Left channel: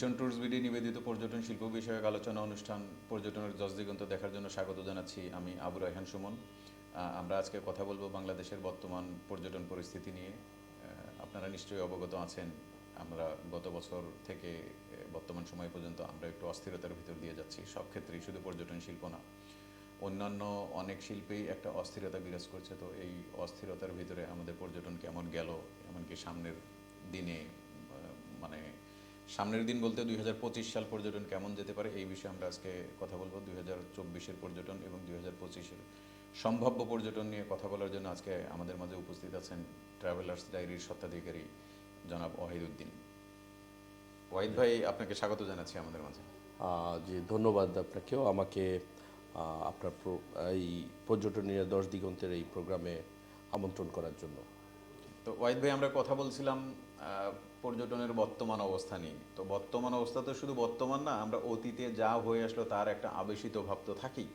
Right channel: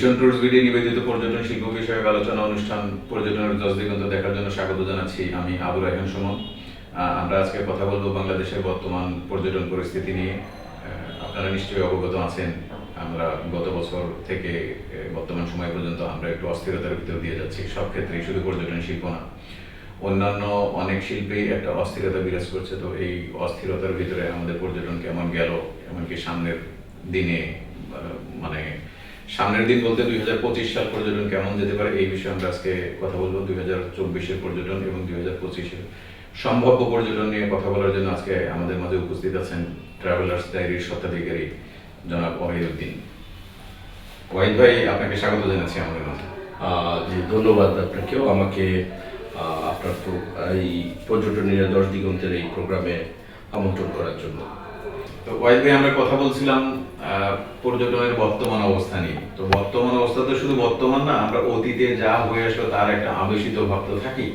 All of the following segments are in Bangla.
ভীষণ ট্যুরিস্ট ভিডিও নিবেদিত পর্যটন শিল্প বিষয়ক আলোচনা অনুষ্ঠান পর্যটনের দশ দিগন্ত দেখার জন্য স্বাগত জানাচ্ছি আমি আবু রায়হান সুমন। আমরা আজকে কথা বলব বাংলাদেশের বর্তমান পর্যটন পরিস্থিতি নিয়ে। আপনারা নিশ্চয়ই অবগত আছেন। আমরা গত বছর থেকে বর্তমান সময় পর্যন্ত আমরা একটু অস্থিরতার ভিতর দিয়ে যাচ্ছি। সব ক্ষেত্রেই শুধু পর্যটন শিল্প না। অন্যান্য অনেক শিল্পেই একটা অস্থিরতা বিরাজ করছে। তো এই অস্থিরতার ভিতরে আমাদের পর্যটন কেমন গেল? এমনকি সামনের দিনে মানে সামনের দিন বলতে দুই হাজার পঁচিশ সাল পর্যটন কেমন যেতে পারে এই বিষয়ে আমরা আজকে কথা বলব। দুই হাজার চব্বিশের পর্যটন এবং দুই হাজার পঁচিশের সম্ভাব্য পর্যটন নিয়ে কথা বলার জন্য আজকে আমাদের মাঝে উপস্থিত আছেন ট্রাভেলার্স ডায়েরির স্বত্বাধিকারী জনাব ওয়াহিদুদ্দিন ওয়াহিদ ভাই আপনাকে স্বাগত জানাচ্ছি আমাদের মাঝে। জি ধন্যবাদ আপনাকেও। আমাকে আপনার প্র- এই পর্যটনের দশ দিগন্তের এই প্রোগ্রামে আমন্ত্রণ করার জন্য। তো ওয়াহিদ ভাই আমরা কথা বলছিলাম পর্যটনের বর্তমান অবস্থা নিয়ে। তো বর্তমান অবস্থা তো শুধু বর্তমান না, আমরা অতীতে যা হয়ে আসলো তার একটা আবেশিত ভাব তো থাকি।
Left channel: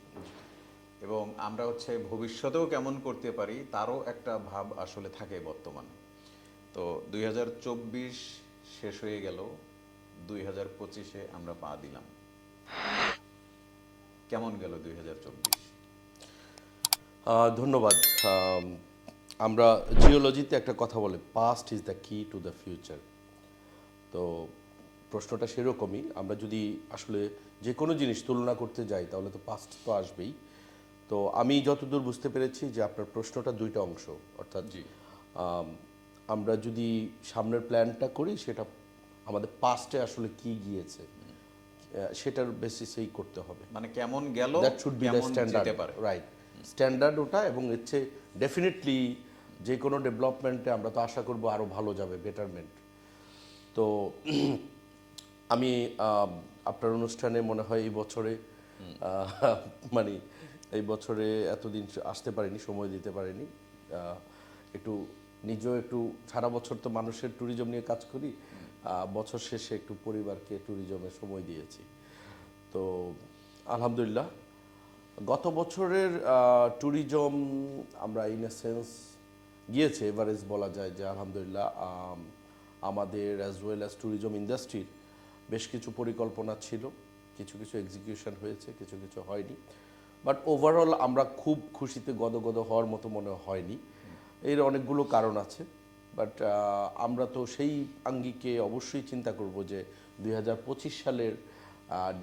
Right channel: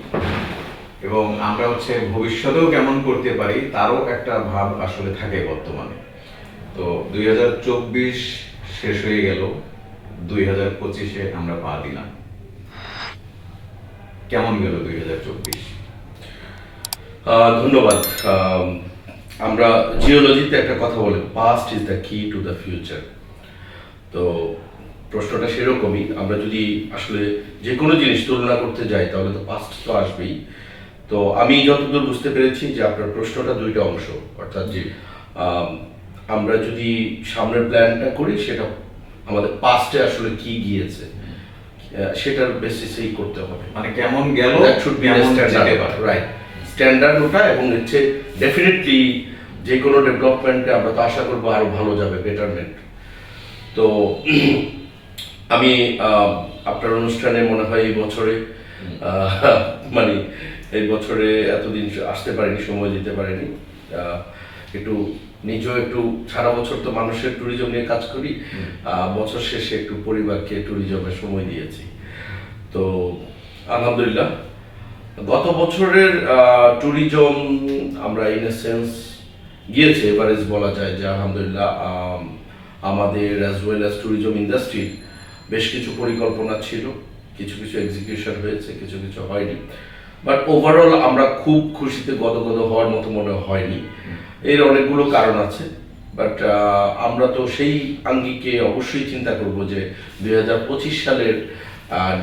এবং আমরা হচ্ছে ভবিষ্যতেও কেমন করতে পারি তারও একটা ভাব আসলে থাকে বর্তমানে। তো দুই হাজার চব্বিশ শেষ হয়ে গেল, দুই হাজার পঁচিশে আমরা পা দিলাম। কেমন গেল দুই হাজার চব্বিশ? ধন্যবাদ। আমরা জিওলজিতে একটা কথা বলি past is the key to the future তো প্রশ্নটা সেরকমই আমরা যদি আসলে যে কোনো জিনিস তুলনা করতে যাই তাহলে তো পাস্ট তো আসবেই। তো আমি যতদূর বুঝতে পেরেছি যে আপনার প্রশ্নটা দুইটা অংশ অর্থাৎ যে আম, আমরা যদি সামনের প্ল্যানটা করি সেটা আমাদের পাস্টে আসলে কি গিয়েছে সেটার বেসিসেই করতে হবে। মানে কেমন গেল that should be right standard ওটা এবং হচ্ছে ডেফিনেটলি যে কোনো ডেভেলপমেন্টে আমরা তো আশা করব আরও ভালো যাবে বেটারমেন্ট তো আমি আপনার অনুষ্ঠানে মনে হয় এই বছরে মানে এই বছরে এতদিন আসতে পারিনি সময় দিতে পারিনি। একটু নিজেও একটু সারা বছর তো মানুষের ট্যুরিজম নিয়ে কাজ করি। বছর শেষে একটু পরিবারকে ট্যুরিজমের সময় দিয়েছি। তো আলহামদুলিল্লাহ গত বছরের ট্যুরিজম আমরা ইন সেন্স গিয়েছে এভারেজ বলা যায় যে আলহামদুলিল্লাহ আমাদের অ্যাজ ওয়েল অ্যাজ ট্যুরিজম ইন্ডাস্ট্রির বেশ কিছু পরিকল্পনা ছিল, কিছু কিছু এক্সিকিউশন হয়েছে, কিছু কিছু হয়নি। বাট ওভারঅল আমরা খুব খুশিতে গদগদ হওয়ার মতো মনে হয়নি। এর অনেকগুলো কারণ আছে বাট আমরা তো সেই আঙ্গিকে অবশ্যই চিন্তা করব যে দু হাজার পঁচিশ সালের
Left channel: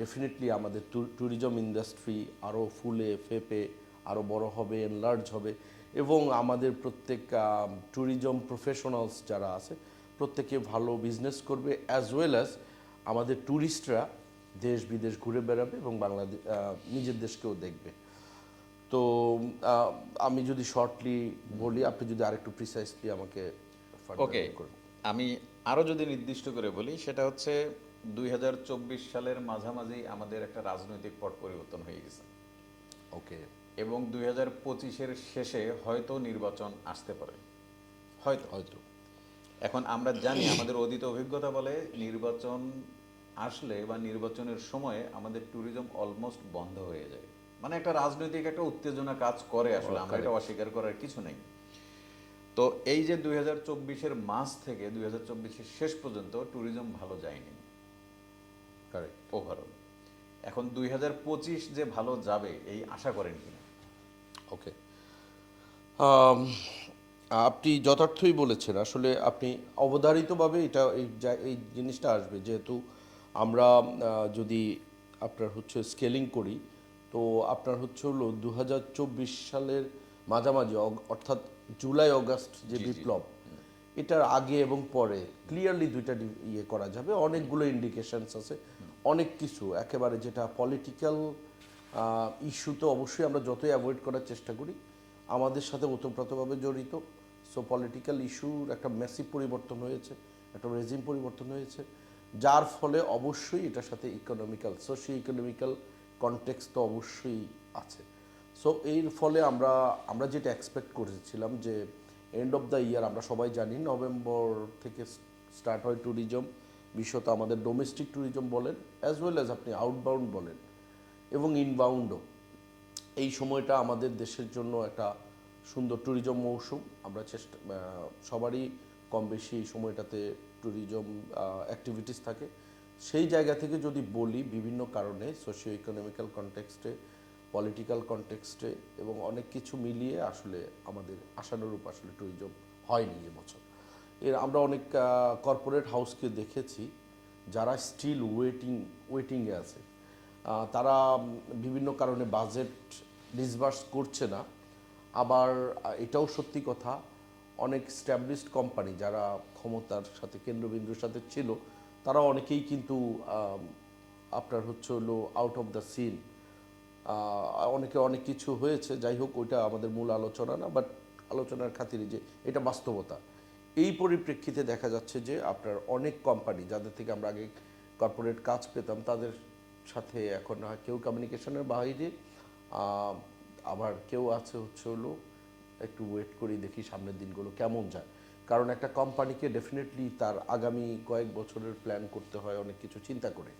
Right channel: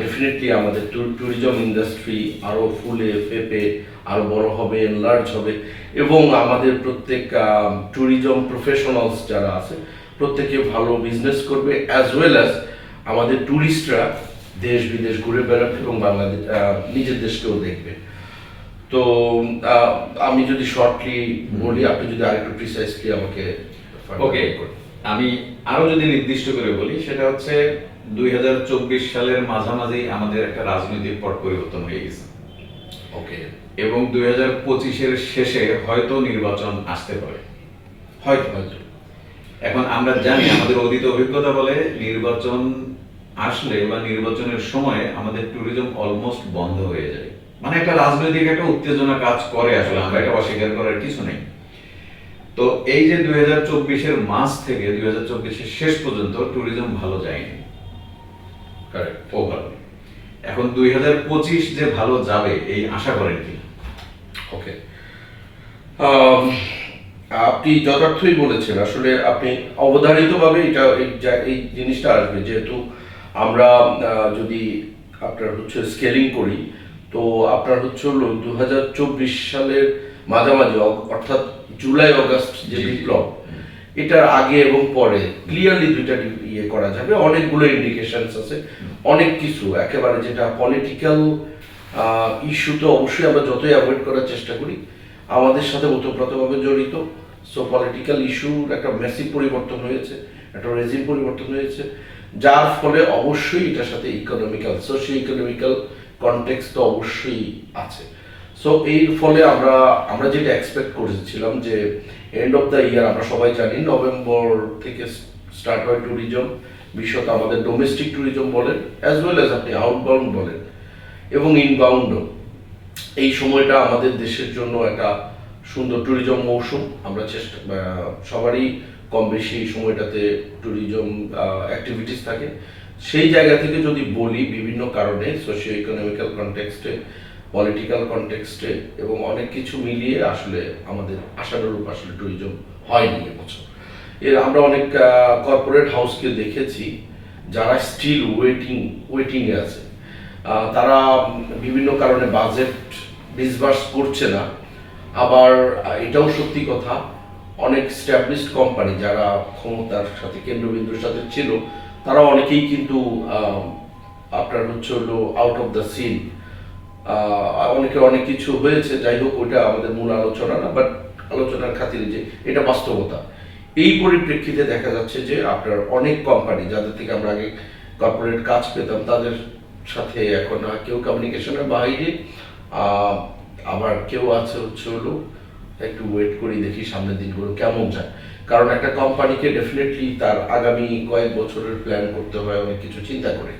ডেফিনেটলি আমাদের ট্যুরিজম ইন্ডাস্ট্রি আরও ফুলে ফেপে আরও বড় হবে এনলার্জ হবে। এবং আমাদের প্রত্যেক ট্যুরিজম প্রফেশনালস যারা আছে প্রত্যেকে ভালো বিজনেস করবে অ্যাজ ওয়েল অ্যাজ আমাদের ট্যুরিস্টরা দেশ বিদেশ ঘুরে বেড়াবে এবং বাংলাদেশ নিজের দেশকেও দেখবে। তো আমি যদি শর্টলি বলি আপনি যদি আরেকটু প্রিসাইসলি আমাকে ওকে আমি আরও যদি নির্দিষ্ট করে বলি সেটা হচ্ছে দুই হাজার চব্বিশ সালের মাঝামাঝি আমাদের একটা রাজনৈতিক পট পরিবর্তন হয়ে গেছে। ওকে। এবং দুই হাজার পঁচিশের শেষে হয়তো নির্বাচন আসতে পারে। হয়তো হয়তো। এখন আমরা জানি আমাদের অতীত অভিজ্ঞতা বলে নির্বাচন আসলে বা নির্বাচনের সময় আমাদের ট্যুরিজম অলমোস্ট বন্ধ হয়ে যায়। মানে একটা রাজনৈতিক একটা উত্তেজনা কাজ করে আসলে আমরা এটা অস্বীকার করার কিছু নেই। তো এই যে দুই হাজার চব্বিশের মাস থেকে দুই হাজার চব্বিশের শেষ পর্যন্ত ট্যুরিজম ভালো যায়নি। কারেক্ট ওভার এখন দুই হাজার পঁচিশ যে ভালো যাবে এই আশা করেন কি ওকে Um, আপনি যথার্থই বলেছেন আসলে আপনি অবধারিতভাবে এটা এই জিনিসটা আসবে। যেহেতু আমরা যদি আপনার হচ্ছে স্কেলিং করি তো আপনার হচ্ছে হলো দু হাজার চব্বিশ সালের মাঝামাঝি অর্থাৎ জুলাই অগাস্ট যে। বিপ্লব এটার আগে এবং পরে ক্লিয়ারলি দুইটা ইয়ে করা যাবে। অনেকগুলো ইন্ডিকেশনস আছে। অনেক কিছু। একেবারে যেটা পলিটিক্যাল ইস্যু তো অবশ্যই আমরা যতই অ্যাভয়েড করার চেষ্টা করি, আমাদের সাথে ওতপ্রোতভাবে জড়িত। সো পলিটিক্যাল ইস্যুর একটা মেসিভ পরিবর্তন হয়েছে, একটা রেজিম পরিবর্তন হয়েছে, যার ফলে অবশ্যই এটার সাথে ইকোনমিক্যাল সোশিও ইকোনমিক্যাল কনটেক্সট তো অবশ্যই আছে। সো এর ফলে আমরা আমরা যেটা এক্সপেক্ট করেছিলাম যে এন্ড অফ দ্য ইয়ার আমরা সবাই জানি নভেম্বর থেকে স্টার্ট হয় ট্যুরিজম বিশেষত আমাদের ডোমেস্টিক ট্যুরিজম বলেন অ্যাজ ওয়েল অ্যাজ আপনি আউটবাউন্ড বলেন, এবং ইনবাউন্ডও এই সময়টা আমাদের দেশের জন্য একটা সুন্দর ট্যুরিজম মৌসুম, আমরা চেষ্টা সবারই কম বেশি এই সময়টাতে ট্যুরিজম অ্যাক্টিভিটিস থাকে। সেই জায়গা থেকে যদি বলি বিভিন্ন কারণে সোশিও ইকোনমিক্যাল কনটেক্সটে পলিটিক্যাল কনটেক্সটে এবং অনেক কিছু মিলিয়ে আসলে আমাদের আশানুরূপ আসলে ট্যুরিজম হয়নি এবছর এর আমরা অনেক কর্পোরেট হাউসকে দেখেছি, যারা স্টিল ওয়েটিং ওয়েটিংয়ে আছে। তারা বিভিন্ন কারণে বাজেট ডিসবার্স করছে না। আবার এটাও সত্যি কথা, অনেক স্ট্যাবলিশড কোম্পানি যারা ক্ষমতার সাথে, কেন্দ্রবিন্দুর সাথে ছিল তারা অনেকেই কিন্তু আপনার হচ্ছে হলো আউট অফ দ্য সিন অনেকে অনেক কিছু হয়েছে, যাই হোক, ওইটা আমাদের মূল আলোচনা না বাট আলোচনার খাতিরে যে এটা বাস্তবতা। এই পরিপ্রেক্ষিতে দেখা যাচ্ছে যে আপনার অনেক কোম্পানি যাদের থেকে আমরা আগে কর্পোরেট কাজ পেতাম, তাদের সাথে এখন কেউ কমিউনিকেশনের বাইরে। আবার কেউ আছে হচ্ছে হলো, একটু ওয়েট করি, দেখি সামনের দিনগুলো কেমন যায়। কারণ একটা কোম্পানিকে ডেফিনেটলি তার আগামী কয়েক বছরের প্ল্যান করতে হয়, অনেক কিছু চিন্তা করে।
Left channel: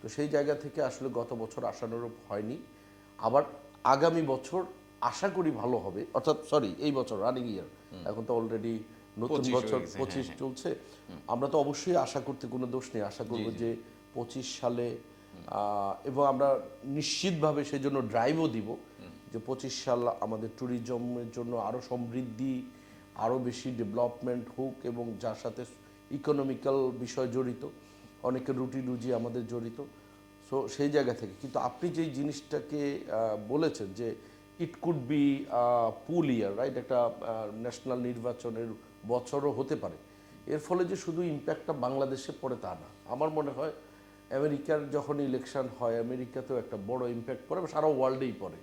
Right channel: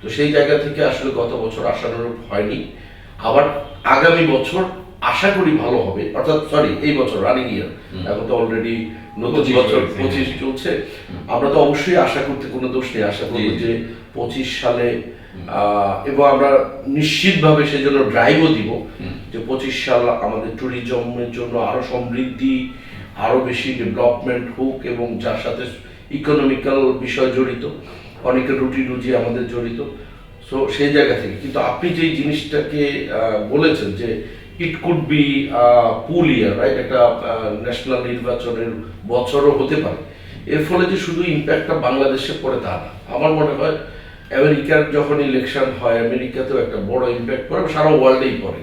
তো সেই জায়গা থেকে আসলে গত বছর আশানুরূপ হয়নি। আবার আগামী বছর আশা করি ভালো হবে। অর্থাৎ সরি এই বছর রানিং ইয়ার এখন তো অলরেডি নতুন পঁচিশ বছর পঁচিশ হ্যাঁ। চলছে। আমরা তো অবশ্যই আশা করতে কোনো দোষ নেই। আশা করব। যে পঁচিশ সালে এবং আমরা নিশ্চিতভাবে সেজন্য ড্রাইভও দিব যে পঁচিশ সাল আমাদের ট্যুরিজমের জন্য আরও সমৃদ্ধি আরও বেশি ডেভেলপমেন্ট হোক এবং যার সাথে ইকোনমিক্যাল বিষয় জড়িত অনেকের রুটি রুজি আমাদের জড়িত। সো সেই জায়গা থেকে। কিন্তু আপনি যেই জিনিসটাকে বলেছেন যে it could be poll year right একটা ন্যাশনাল নির্বাচনের বছরও হতে পারে। এর ফলে যে শুধু ইম্প্যাক্টটা বাংলাদেশে পড়ে তা না। আমার মনে হয় আমেরিকার যখন ইলেকশন হয় আমেরিকাতেও একটা বড় ইম্প্যাক্ট পড়ে সারা ওয়ার্ল্ডেই পড়ে।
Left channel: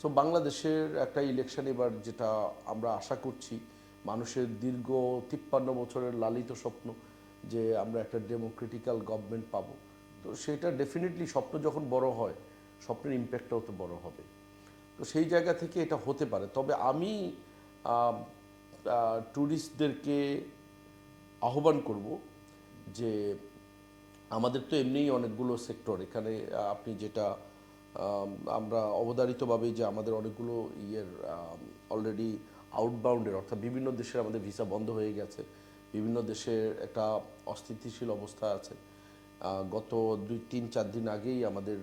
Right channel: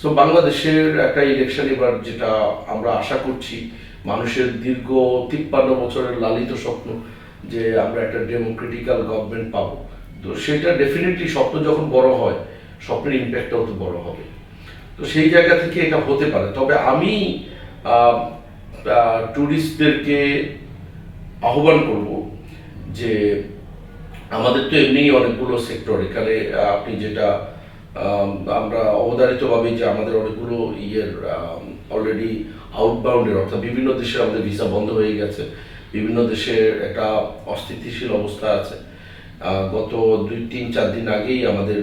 সো বাংলাদেশের একটা ইলেকশন এবার যেটা আমরা আশা করছি মানুষের দীর্ঘ তিপ্পান্ন বছরের লালিত স্বপ্ন যে আমরা একটা ডেমোক্রেটিক্যাল গভর্নমেন্ট পাবো। তো সেটা ডেফিনেটলি স্বপ্ন যখন বড় হয়, স্বপ্নের ইম্প্যাক্টটাও তো বড় হবে। তো সেই জায়গা থেকে এটা হতে পারে। তবে আমি ট্যুরিস্টদেরকে আহ্বান করব যে আমাদের তো এমনিই অনেকগুলো সেক্টর এখানে আপনি যেটা আমরা অবধারিতভাবে যে আমাদের অনেকগুলো ইয়ের অলরেডি আউটবাউন্ডের অর্থাৎ বিভিন্ন দেশে আমাদের ভিসা বন্ধ হয়ে গেছে। বিভিন্ন দেশের একটা অস্থিতিশীল অবস্থা আছে। গত দুই তিন চার দিন আগেই আমাদের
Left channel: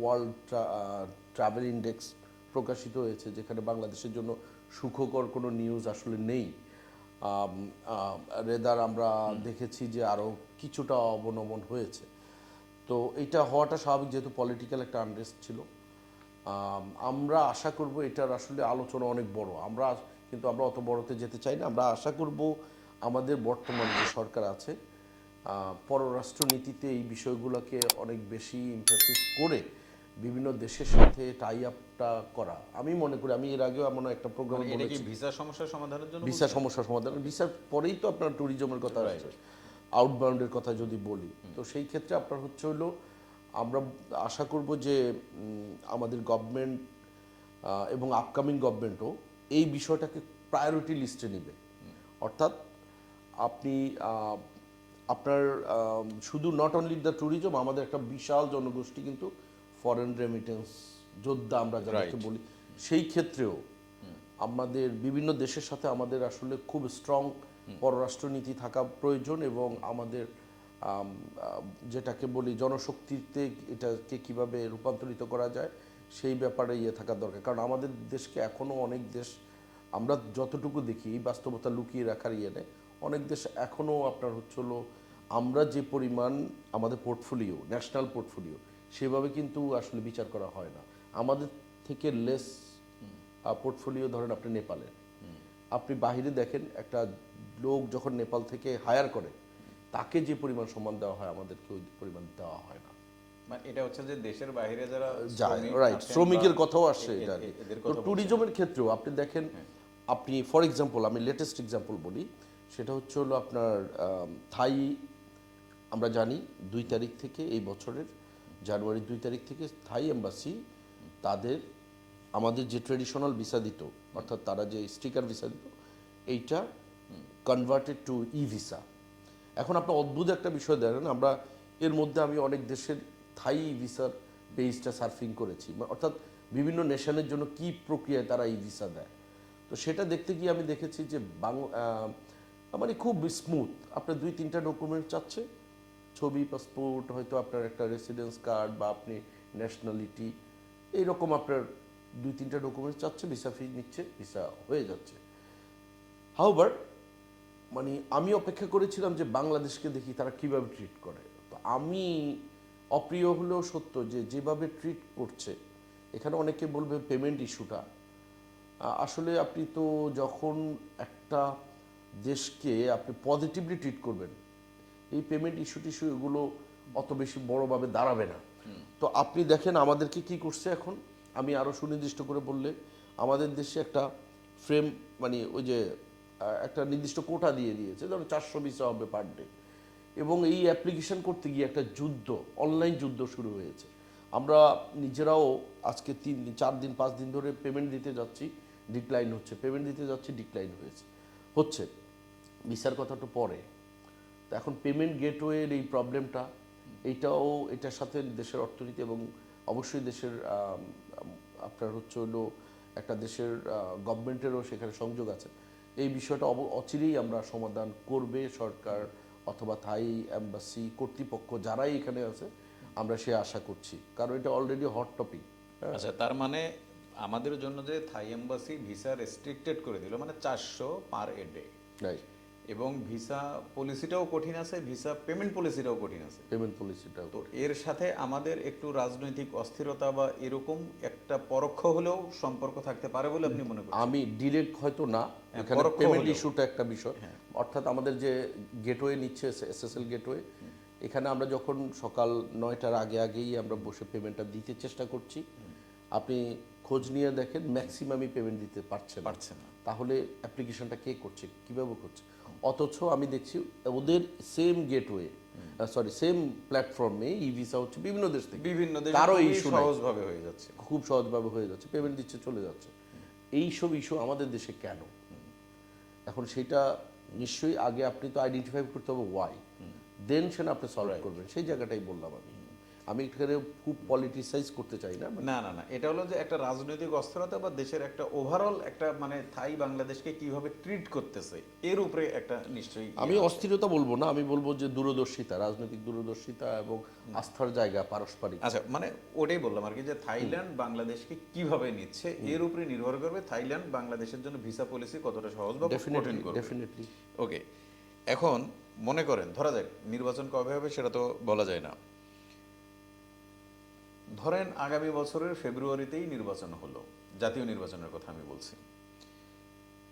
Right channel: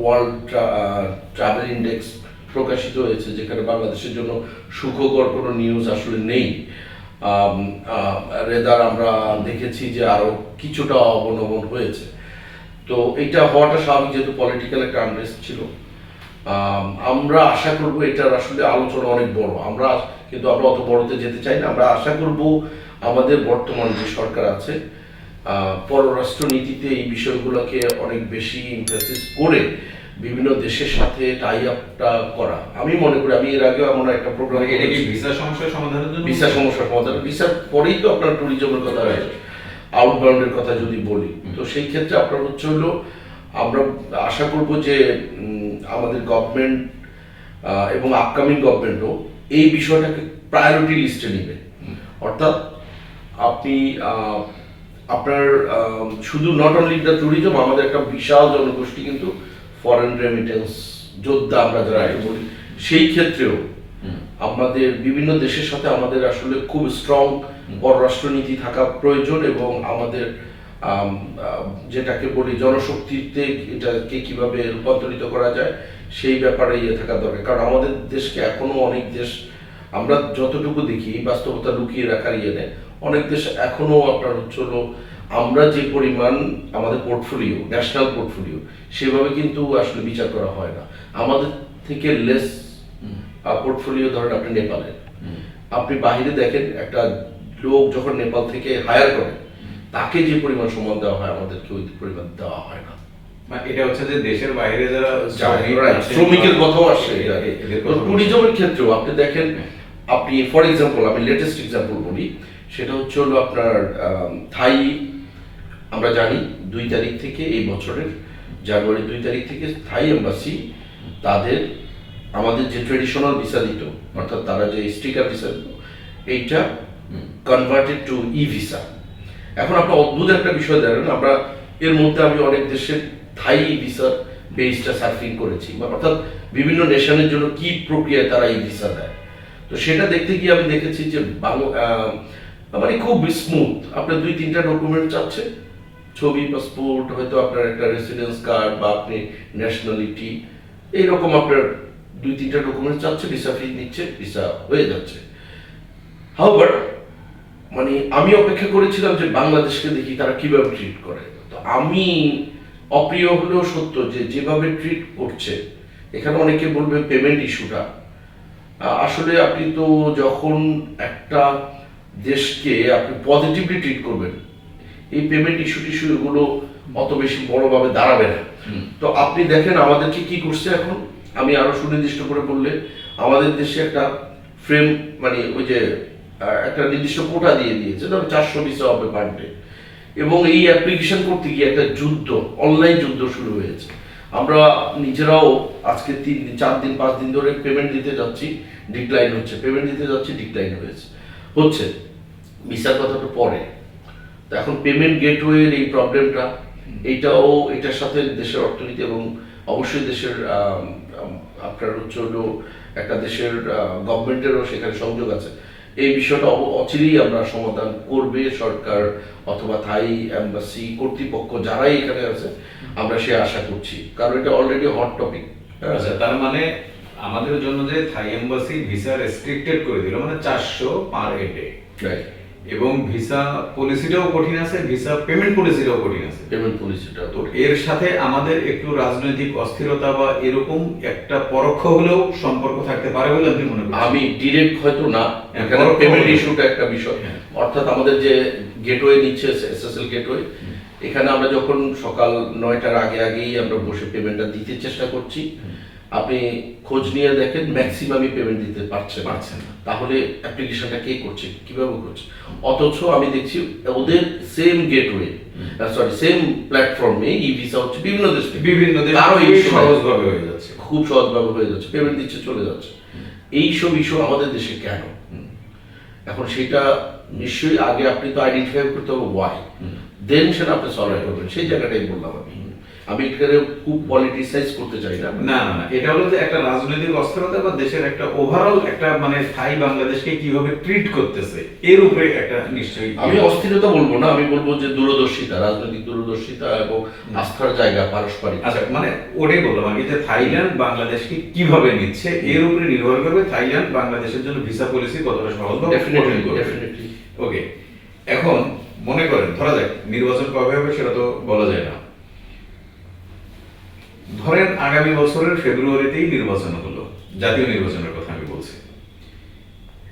ওয়ার্ল্ড ট্রাভেল ইন্ডেক্স প্রকাশিত হয়েছে যেখানে বাংলাদেশের জন্য সুখকর কোনো নিউজ আসলে নেই। রেদার আমরা দেখেছি যে আরও কিছুটা অবনমন হয়েছে। তো এটা হওয়াটা স্বাভাবিক যেহেতু পলিটিক্যাল একটা আনরেস্ট ছিল। আম, আমরা আশা করব এটার আসলে আলোচনা অনেক বড়। আমরা কিন্তু আমরা অত বড়তে যেতে চাই না। আমরা আশা করব আমাদের বর্তমান যে সরকার আছে আহ, পররাষ্ট্র এই বিষয়গুলোকে অনেক বেশি ইমপ্রেসিস করে বিভিন্ন দেশের সাথে টাই আপটা করা। আমি মনে করি আমি এর আগেও এমন একটা প্রোগ্রাম এটা কি ভিসা সমস্যার সমাধানের জন্য? ভিসা সমস্যার সমাধান। ভিসার পরেই তো আপনার ট্যুরিজমের কথা রয়েছে। আউটবাউন্ডের কথা যদি বলি। তো সেই ক্ষেত্রে আপনার হচ্ছে হলো আমরা আশা করব যে আমাদের গভর্নমেন্ট এবং আপকামিং গভর্নমেন্টও এই বিষয়টাকে প্রায়োরিটি লিস্টে নেবে। অর্থাৎ আপনি আহ, আপনার শুধু নট অনলি দ্য ট্যুরিজম আমাদের একটা বিশাল জনগোষ্ঠী কিন্তু ফরেন রেমিটেন্স যোদ্ধা আমরা যারা. বলি সেই ক্ষেত্রেও আমাদের বিভিন্ন দেশের সাথে আমাদের আসলে খুব স্ট্রং পররাষ্ট্রনীতি থাকা প্রয়োজন এবং আমাদের যেটাকে বলি জনশক্তিতে এটাকে কীভাবে রূপান্তরিত করা যায় সেই ব্যাপারে ইয়ে থাকা দরকার। কারণ আমাদের দেশকে এখনও অনেক দেশ আমরা যতটুকু দেখি বাস্তবতা লুকিয়ে রাখার ইয়ে নেই। অনেক দেশ এখনও আপনার হচ্ছে হলো আমরা যে পরিমাণ আমাদের পোর্টফোলিও ন্যাশনাল পোর্টফোলিও সেভাবে কিন্তু আসলে বিচার করা হয় না। আমাদের থেকে লেস পোর্টফোলিও ধরেন আপনি নেপালের। আপনি বাইরে দেখেন একটা লোক যখন নেপাল থেকে হায়ার করে তাকে যে পরিমাণ সম্মান দেওয়া হয় আমাদেরকে ওই পরিমাণ দেওয়া হয় না। এটা হচ্ছে যে দেশের বাইরে যারা শ্রমিকের কথাও বলছি। ট্যুরিজমের ক্ষেত্রেও আপনি দেখেন আপনি ফর এক্সাম্পল আমি লেটেস্ট এক্সাম্পল বলি। সেটা হচ্ছে হলো আপনার থাই, আমরা জানি দুই তারিখ থেকে এই বছরের জানুয়ারি দুই তারিখ থেকে থাই এম্বাসি তাদের আমাদের যে ট্রেডিশনাল ভিসা দিত, অর্থাৎ তারা যে স্টিকার ভিসা দিত, এইটা কনভার্টেড টু ই ভিসা এখন আপনার অদ্ভুত একটা বিষয় দেখেন, আমরা এর মধ্যে আমি অনেক দেশের থাই ভিসার পেজটা সার্ফিং করেছি, বা অর্থাৎ বিভিন্ন নেশনের জন্য কি প্রক্রিয়ায় তারা এই ভিসা দেয়। তো সেটা দেখতে গিয়ে আমি দেখেছি যে বাংলা মানে খুব স্মুথ আপনার দুই, তিনটা ডকুমেন্ট চাচ্ছে ছবি পাসপোর্ট হয়তো আপনার একটা রেসিডেন্স কার্ড বা আপনি ন্যাশনালিটি এইরকম আপনার দুই, তিনটা ডকুমেন্ট চাচ্ছে ভিসা ফি নিচ্ছে ভিসা হয়ে যাচ্ছে। হাউবার মানে আমি অপেক্ষা করেছিলাম যে বাংলাদেশকে দেখি তারা কীভাবে ট্রিট করে। তো আমি অপ্রিয় হলেও সত্য যে যেভাবে ট্রিট করছে, এখানে অনেকে বলবে পেমেন্ট ইস্যুটা আসলে আপনি তো যখন একটা দেশকে আপনি পজিটিভলি ট্রিট করবেন। এই পেমেন্ট ইস্যু টিস্যু এগুলো অত বেশি বড়ভাবে দাঁড়াবে না। তো আপনি দেখেন আমাদেরকে কি করছে এখন? আমি আরও সুনির্দিষ্ট করে বললে আমাদের দেশে একটা ফ্রেম মানে ওই যে একটা নির্দিষ্ট কোটা দিয়ে দিয়েছে ধরো চারশো ভিসা হবে পার ডে এবং এই অ্যাপ্লিকেশন করতে গিয়ে একটা যুদ্ধ অনলাইন যুদ্ধ শুরু হয়েছে। আমরা নিজেরাও আজকে তিন দিন চার দিন পাঁচ দিন ধরে পেমেন্ট দিতে যাচ্ছি ডিক্লাইন হচ্ছে। পেমেন্ট দিতে যাচ্ছি ডিক্লাইন হয়েছে। হচ্ছে ভিসার কথাটা পরে। তো এখন পেমেন্ট গেটওয়ের এই প্রবলেমটা এইটাও এটার সাথে দেশের অর্থনীতি এবং অবশ্যই দেশের আপনার হচ্ছে হলো একটা দেশের গভর্নমেন্টেরও সেখানে সংযোগ আছে। এই বিষয়টা অচিরেই আমরা সমাধান করবে সরকার অথবা থাই এম্বাসি কর্তৃপক্ষ যারাই এখানে আছে, আমরা সে আশা করছি। কারণ এটা অলরেডি হট টপিক তার মানে আমাদের জন্য যে থাই এম্বাসি ভিসা রেস্ট্রিক্টেড করে দিল মানে চারশো পার ডে এবং ভিসা পলিসিটাও কঠিন আছে ভিসা পেমেন্ট পলিসিটাও কঠিন আছে। পেমেন্ট পলিসিটা তো এর সাথে আমাদের একটু রাজনৈতিক অস্থিরতা বা এরকম একটা পরোক্ষ হলেও সম্পর্ক থাকতে পারে বলে আপনি মনে করেন আমি ডিরেক্ট হয়তো না হ্যাঁ, এখানে পেমেন্ট। ইস্যুটা একটা বিষয়। হ্যাঁ। অর্থাৎ আমাদের যে গেটওয়ে নিচ্ছে এসএসএল গেটওয়ে এখানে আমরা যখন সকাল নয়টার আগে আগেই আমরা বসে পেমেন্টটা দিতে চেষ্টা করছি আপনি খোঁজ নিয়ে দেখেন ম্যাক্সিমামই পেমেন্ট দিতে পারছে পারছে না। তাহলে অ্যাপ্লিকেশনটা কে করছে কীভাবে করছে? অথচ আমি দেখছি ওদের সেম গেটওয়ে সরি সেম প্ল্যাটফর্মে ই ভিসা হচ্ছে বিভিন্ন দেশ। বিভিন্ন দেশে খুবই সহজভাবে হয়ে যাচ্ছে। খুব সহজভাবে হয়ে যাচ্ছে পেমেন্ট দিচ্ছে চলে যাচ্ছে। এই সব ইস্যু আমাদের দেশে কেন? এখন সেটা নিশ্চয়ই আগে আপনি তো আইডেন্টিফাই করতে হবে ওয়াই দেন সেটা আপনি সলভ করবেন। সেই জায়গাটাই বললাম আমি। আমি এখানে খুব পলিটিসাইজ করতে চাই না। না না এটা হলো যে একটা রাজনৈতিক অস্থিরতা বা দেশের একটা ওভারঅল একটা মানে থাই বাংলাদেশকে কীভাবে ট্রিট করতেছে এর উপরে একটা নিশ্চয়ই আমি অস্থিরতা বলব না আমি বলব যে দূরদর্শিতা রাজনৈতিক দূরদর্শিতা এবং আস্থার জায়গা পারস্পরিক। আচ্ছা মানে ওটাই বললাম যে থাইল্যান্ড বাংলাদেশকে কীভাবে নিচ্ছে এর উপরে নির্ভর করবে থাইল্যান্ড বাংলাদেশের জন্য ভিসা পলিসি কতটা সহজ বা ডেফিনেটলি ওকে এখন মনে করেন ধরা যাক নির্বাচন কবে হবে সেটা তো বলা যায় না। ধরেন আগামী বছরের ফেব্রুয়ারিতেই নির্বাচন হলো জাতীয় নির্বাচনের কথা আমি বলছি।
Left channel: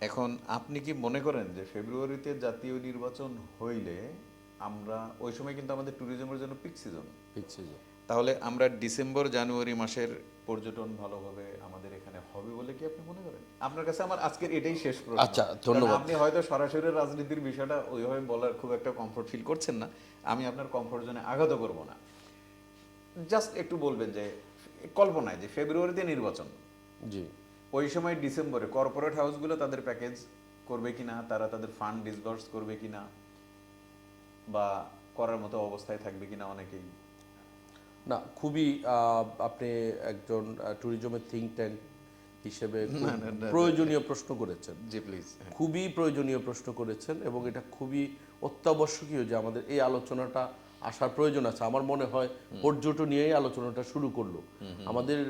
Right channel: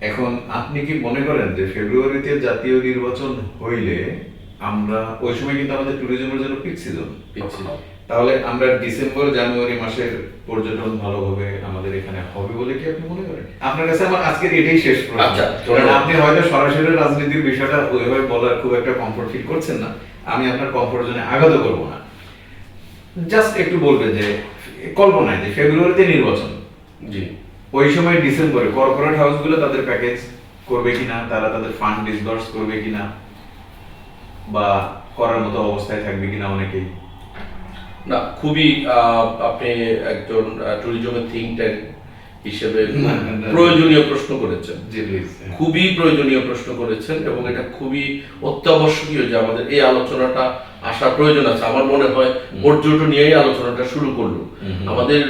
এখন আপনি কি মনে করেন যে ফেব্রুয়ারিতে জাতীয় নির্বাচন হইলে আমরা ওই সময় কিন্তু আমাদের ট্যুরিজমের জন্য পিক সিজন তাহলে আমরা ডিসেম্বর জানুয়ারি মাসের পর্যটন ভালোভাবে আমাদের এখানে হবে বলে কি আপনি মনে করেন? আপনার কাছে আমার আজকের এটাই শেষ আচ্ছা, আপনি হয়তো সরাসরি রাজনীতির বিষয়টা ওইভাবে বলার খুব একটা কমফোর্ট ফিল করছেন না। আমি আপনার কমফোর্ট জোনে আঘাত করব না। জাস্ট একটু বলবে যে কল্পনায় যে ফেব্রুয়ারিতে নির্বাচন। জি। ওই সময় ডিসেম্বরে কর্পোরেট হাউসগুলো তাদের প্যাকেজ করবে কিনা তারা তাদের ফান্ড ডিসবার্স করবে কিনা বা করার মতো অবস্থায় থাকবে কিনা অনেকেই। না খুবই আপনি একজন ট্যুরিজমের থিঙ্ক ট্যাঙ্ক হিসেবে। প্রয়োজনীয় প্রশ্ন করেছেন। খুবই প্রয়োজনীয় প্রশ্ন করেছেন এবং এটা খুবই অত্যাবশ্যকীয় যে আমাদের এই আলোচনাটা আসার প্রয়োজন আছে। আমার মনে হয় পর্যটন নিয়েই আলোচনাটা শুরু করল। আমাদের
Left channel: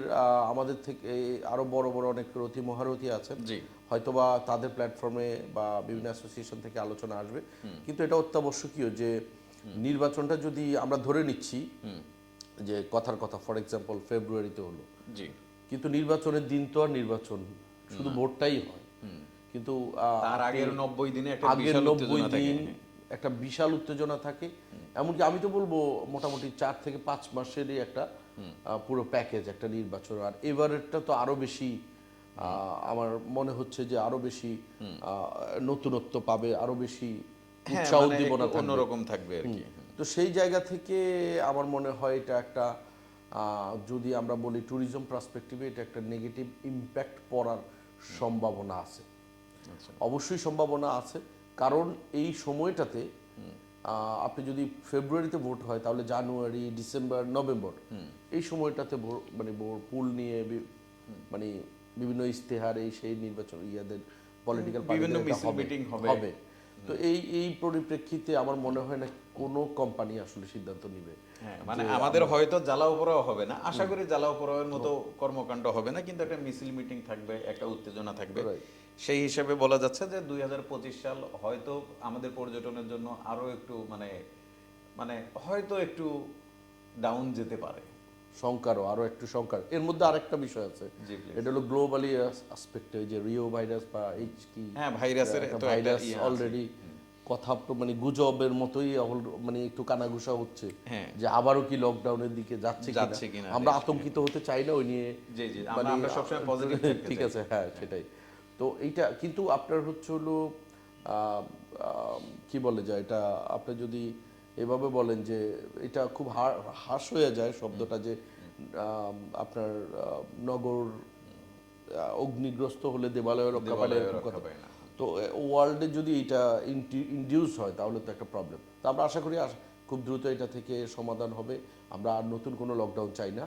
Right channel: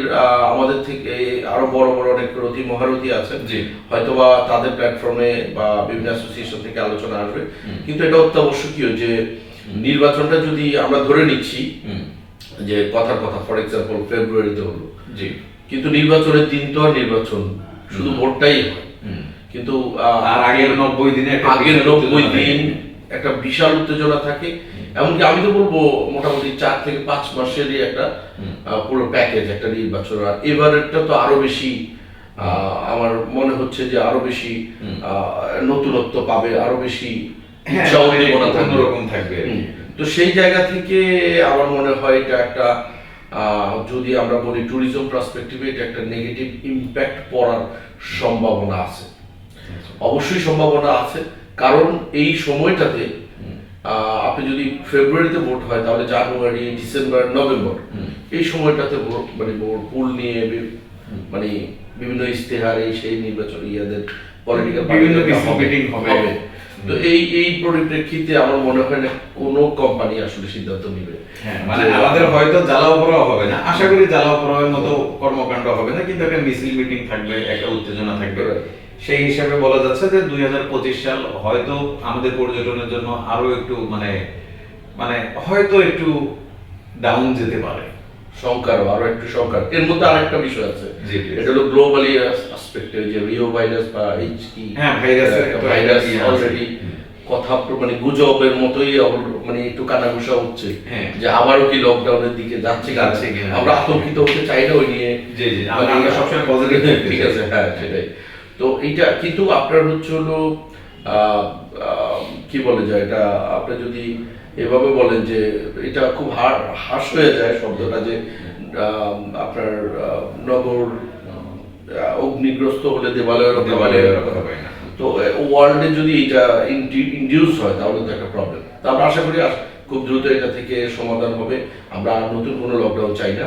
আমাদের থেকে আরও বড় বড় অনেক রথী মহারথী আছেন। জি। হয়তোবা তাদের প্ল্যাটফর্মে বা বিভিন্ন অ্যাসোসিয়েশন থেকে আলোচনা আসবে। কিন্তু এটা অত্যাবশ্যকীয় যে নির্বাচনটা যদি আমরা ধরে নিচ্ছি যে কথার কথা ফর এক্সাম্পল ফেব্রুয়ারিতে হলো। জি। কিন্তু নির্বাচনের দিন তো আর নির্বাচন শুধু ভোটটাই হয়। কিন্তু আর আগের নব্বই দিনে একটা আগের নব্বই দিন। একটা বিশাল উত্তেজনা থাকে। এমনকি আমি তো বলব মোটামুটি চার থেকে পাঁচ মাসেরই একটা পুরো প্যাকেজ একটা নির্বাচন আর এবারেরটা তো আরও বেশি আহ, আমার মনে হচ্ছে যে আরও বেশি আহ, নতুনত্ব পাবে আরও বেশি হ্যাঁ, উৎসাহ মানে থাকবে। তো সেই জায়গা থেকে আমার মনে হয় এটা একটা যদি আমরা বলি ট্যুরিজম পার্সপেক্টিভে এটা একটা নেগেটিভ ইম্প্যাক্ট পড়ার সম্ভাবনা আছে। অবশ্যই সম্ভাবনা আছে কারণ এই সময়টাতে আপনি যদি ফেব্রুয়ারিতে ভোট হয় তাহলে জানুয়ারি ডিসেম্বর নভেম্বর এই সময়টাতে ভোট মানে ভোট পুল নিয়ে মানে বিভিন্ন ইশতেহার এই সেই নির্বাচন ইয়াদের পলিটিক্যাল বিভিন্ন মিটিং হবে। তো এই এই পরিপ্রেক্ষিতে আমার মনে হয় না কোনো কোম্পানি আসলে সিদ্ধান্ত নেবে। হ্যাঁ, মানে আমাদের হয়তো জ্বালাও পোড়াও হবে না। আশা করি জ্বালাও পোড়াওয়ের মতো কর্মকাণ্ড হবে না কিন্তু একটা মিছিল মিটিং থাকবে একটা উত্তেজনা থাকবে। সেই হিসাবে বলা যাচ্ছে যে দুই হাজার পঁচিশ সাল হয়তো আমাদের পর্যটনের জন্য আরও একটু মানে মানে হয়তো একটু ডাউন যেতে পারে। সংকার আরও একটু সংকার এর মধ্যে আরেকটা বিষয় আছে। এটা হলো গ্লোবালি আসপেক্টে যে রিও ভাইরাস বা এইচ কি হ্যাঁ, ভাইরাস ইয়ে অলরেডি কথা মানে গুজবের মতোই মানে একটু কানাঘুষা হচ্ছে। হ্যাঁ। যে আবারও কি লকডাউনের দিকে যাচ্ছে যাচ্ছে আমরা আতঙ্কিত হতে চাই না ওই নিয়ে। জি, জি, আমরা- মানে সবসময় থাকতে ঠিক আছে হ্যাঁ সেটাই। তো এইটা কিন্তু আপনার হচ্ছে হলো আহ, আহ, কি বলে যায় এটা? আপনি যদি এভাবে বলেন যে এটা খুব হাস হয়ে যায় শব্দটা যে আপনার নগর অগ্নিগ্রস্ত হলে দেবালয় রক্ষা দেওয়ালে পায়। না। তো ওয়ার্ল্ডে যদি এটা ইনডিউস হয় তাহলে তো একটা প্রবলেম তো আমরা আশা করি খুব দ্রুত এটা থেকে সমাধান হবে আমরা আর নতুন কোনো লকডাউন চাই না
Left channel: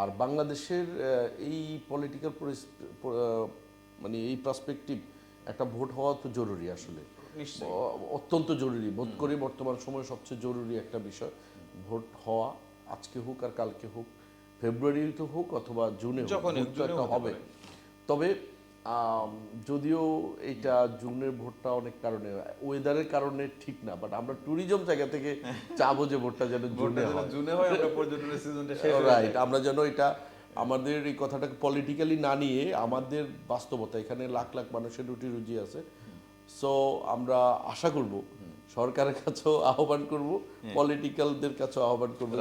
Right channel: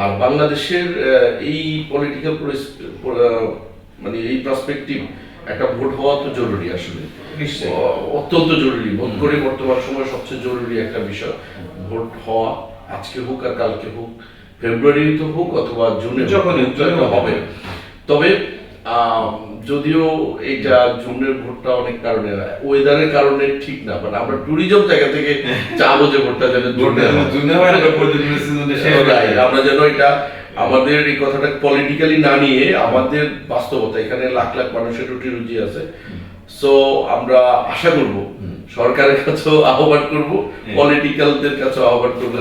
আর বাংলাদেশের এই পলিটিক্যাল মানে এই পার্সপেক্টিভ একটা ভোট হওয়া তো জরুরি আসলে। অত্যন্ত জরুরি। বোধ করি বর্তমান সময় সবচেয়ে জরুরি একটা বিষয়। ভোট হওয়া আজকে হোক আর কালকে হোক ফেব্রুয়ারিতে হোক অথবা জুনে যখনই হবে। তবে যদিও এটা জুনের ভোটটা অনেক কারণে ওয়েদারের কারণে ঠিক না বাট আমরা ট্যুরিজম জায়গা থেকে চাবো যে ভোটটা যেন জুনে। আমরা যেন এটা আমাদের এই কথাটা পলিটিক্যালি না নিয়ে আমাদের বাস্তবতা এখানে লাখ লাখ মানুষের রুটি রুজি আছে। সো আমরা আশা করব সরকারের কাছেও আহ্বান করব পলিটিক্যালদের কাছেও আহ্বান করব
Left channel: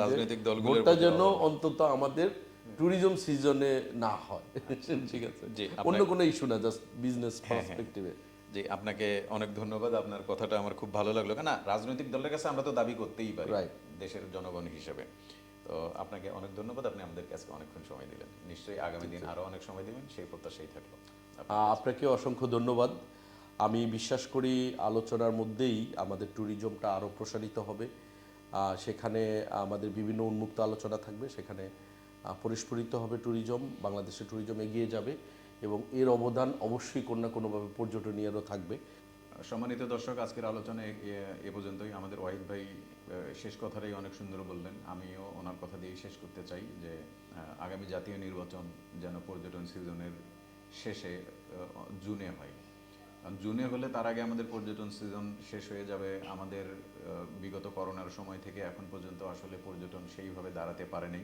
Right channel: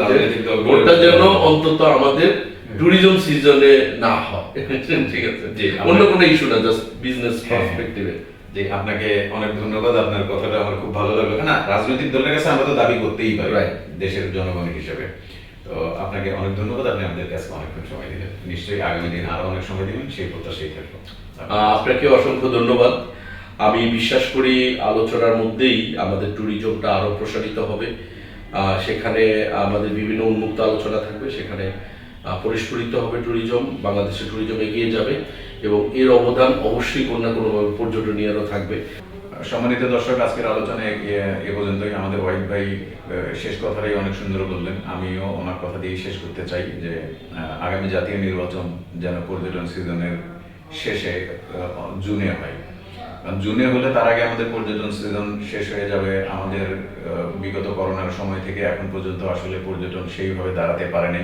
ভোটটা যেন অন্তত আমাদের ট্যুরিজম সিজনে না হয়। ঠিক আছে? অন্য কোনো ইস্যু না জাস্ট বিজনেস। পার্সপেক্টিভে যে আপনাকে অনেক ধন্যবাদ আপনার কথাটা আমার খুব ভালো লাগল। না রাজনৈতিক দলের কাছে আমরা তো দাবি করতেই পারি. দেশের জনগণ হিসেবে। তো আপনাকে অনেক ধন্যবাদ, আপনি আমাদের কাছে অনেকক্ষণ সময় দিলেন। নিশ্চয়ই আগামী দিন আরও অনেক সময় দিবেন, সেই প্রত্যাশাই থাকব। আপনাকে অসংখ্য ধন্যবাদ। আমি বিশ্বাস করি আলোচনার মধ্যেই আমাদের ট্যুরিজমটা আরও প্রসারিত হবে। সেখানে আমাদের বিভিন্ন উন্মুক্ত আলোচনা থাকবে, সেখানে পরিস্ফুরিত হবে ট্যুরিজম বাংলাদেশের ট্যুরিজম এগিয়ে যাবে এবং এর অবদান অবশ্যই কোনো না কোনোভাবে পর্যটনীয়রও থাকবে। সম্মানিত দর্শক, আজকের আলোচনায় এ- এ পর্যন্তই। আমাদের ওয়াহিদ ভাই শেষ কথাটাই অনেক সুন্দর বললেন। আমিও ওনার কথা দিয়ে শেষ করতে চাই যে আগামী জাতীয় নির্বাচন যেন পর্যটন সিজনের শেষে জুনে হয়। জুনে হলে তার আগে আমাদের পর্যটন সিজন শেষ হয়ে যাবে। আমাদের বিগত করোনার সময় থেকে এখন পর্যন্ত আসলে পর্যটন সেইভাবে দাঁড়াতে পারেনি।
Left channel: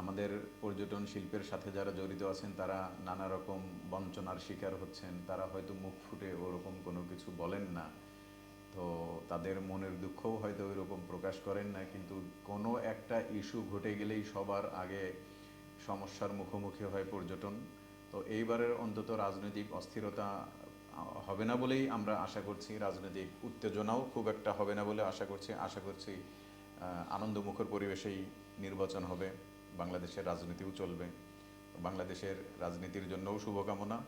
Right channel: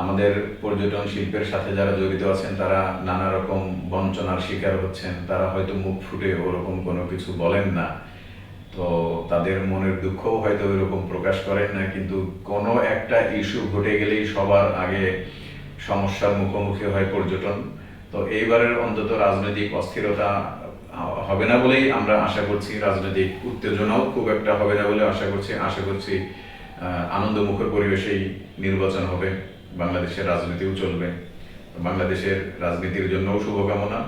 আমাদের পর্যটন শিল্পের সাথে যারা জড়িত আছেন, তারা নানা রকম বঞ্চনার শিকার হচ্ছেন। তারা হয়তো মুখ ফুটে ওরকম কোনো কিছু বলেন না। তো তাদের মনের দুঃখও হয়তো ওইরকম প্রকাশ করেন না, কিন্তু কোনো একটা ইস্যু ঘটে গেলেই সবার আগে সমস্যার মুখোমুখি হয় পর্যটন। তো এইবারের অন্তত রাজনৈতিক অস্থিরতা হবে না বলেই আমরা আশা করছি। রাজনৈতিক উত্তেজনাও খুব একটা হবে না বলে আশা করছি। আশা করছি আনন্দমুখর পরিবেশেই নির্বাচন হবে। বাংলাদেশের রাজনীতিও চলবে বাংলাদেশের রাজনীতির জন্যও শুভকামনা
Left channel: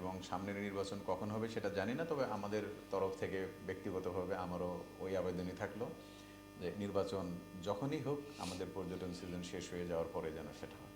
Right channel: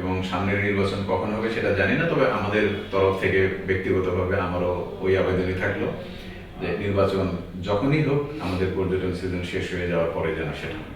এবং সামনের নির্বাচন কখন হবে সেটা জানি না, তবে আমাদের তরফ থেকে ব্যক্তিগতভাবে আমারও ওই আবেদনই থাকল যে নির্বাচন যখনই হোক, আমাদের পর্যটন সিজন শেষ হয়ে যাওয়ার পরে যেন সেটা।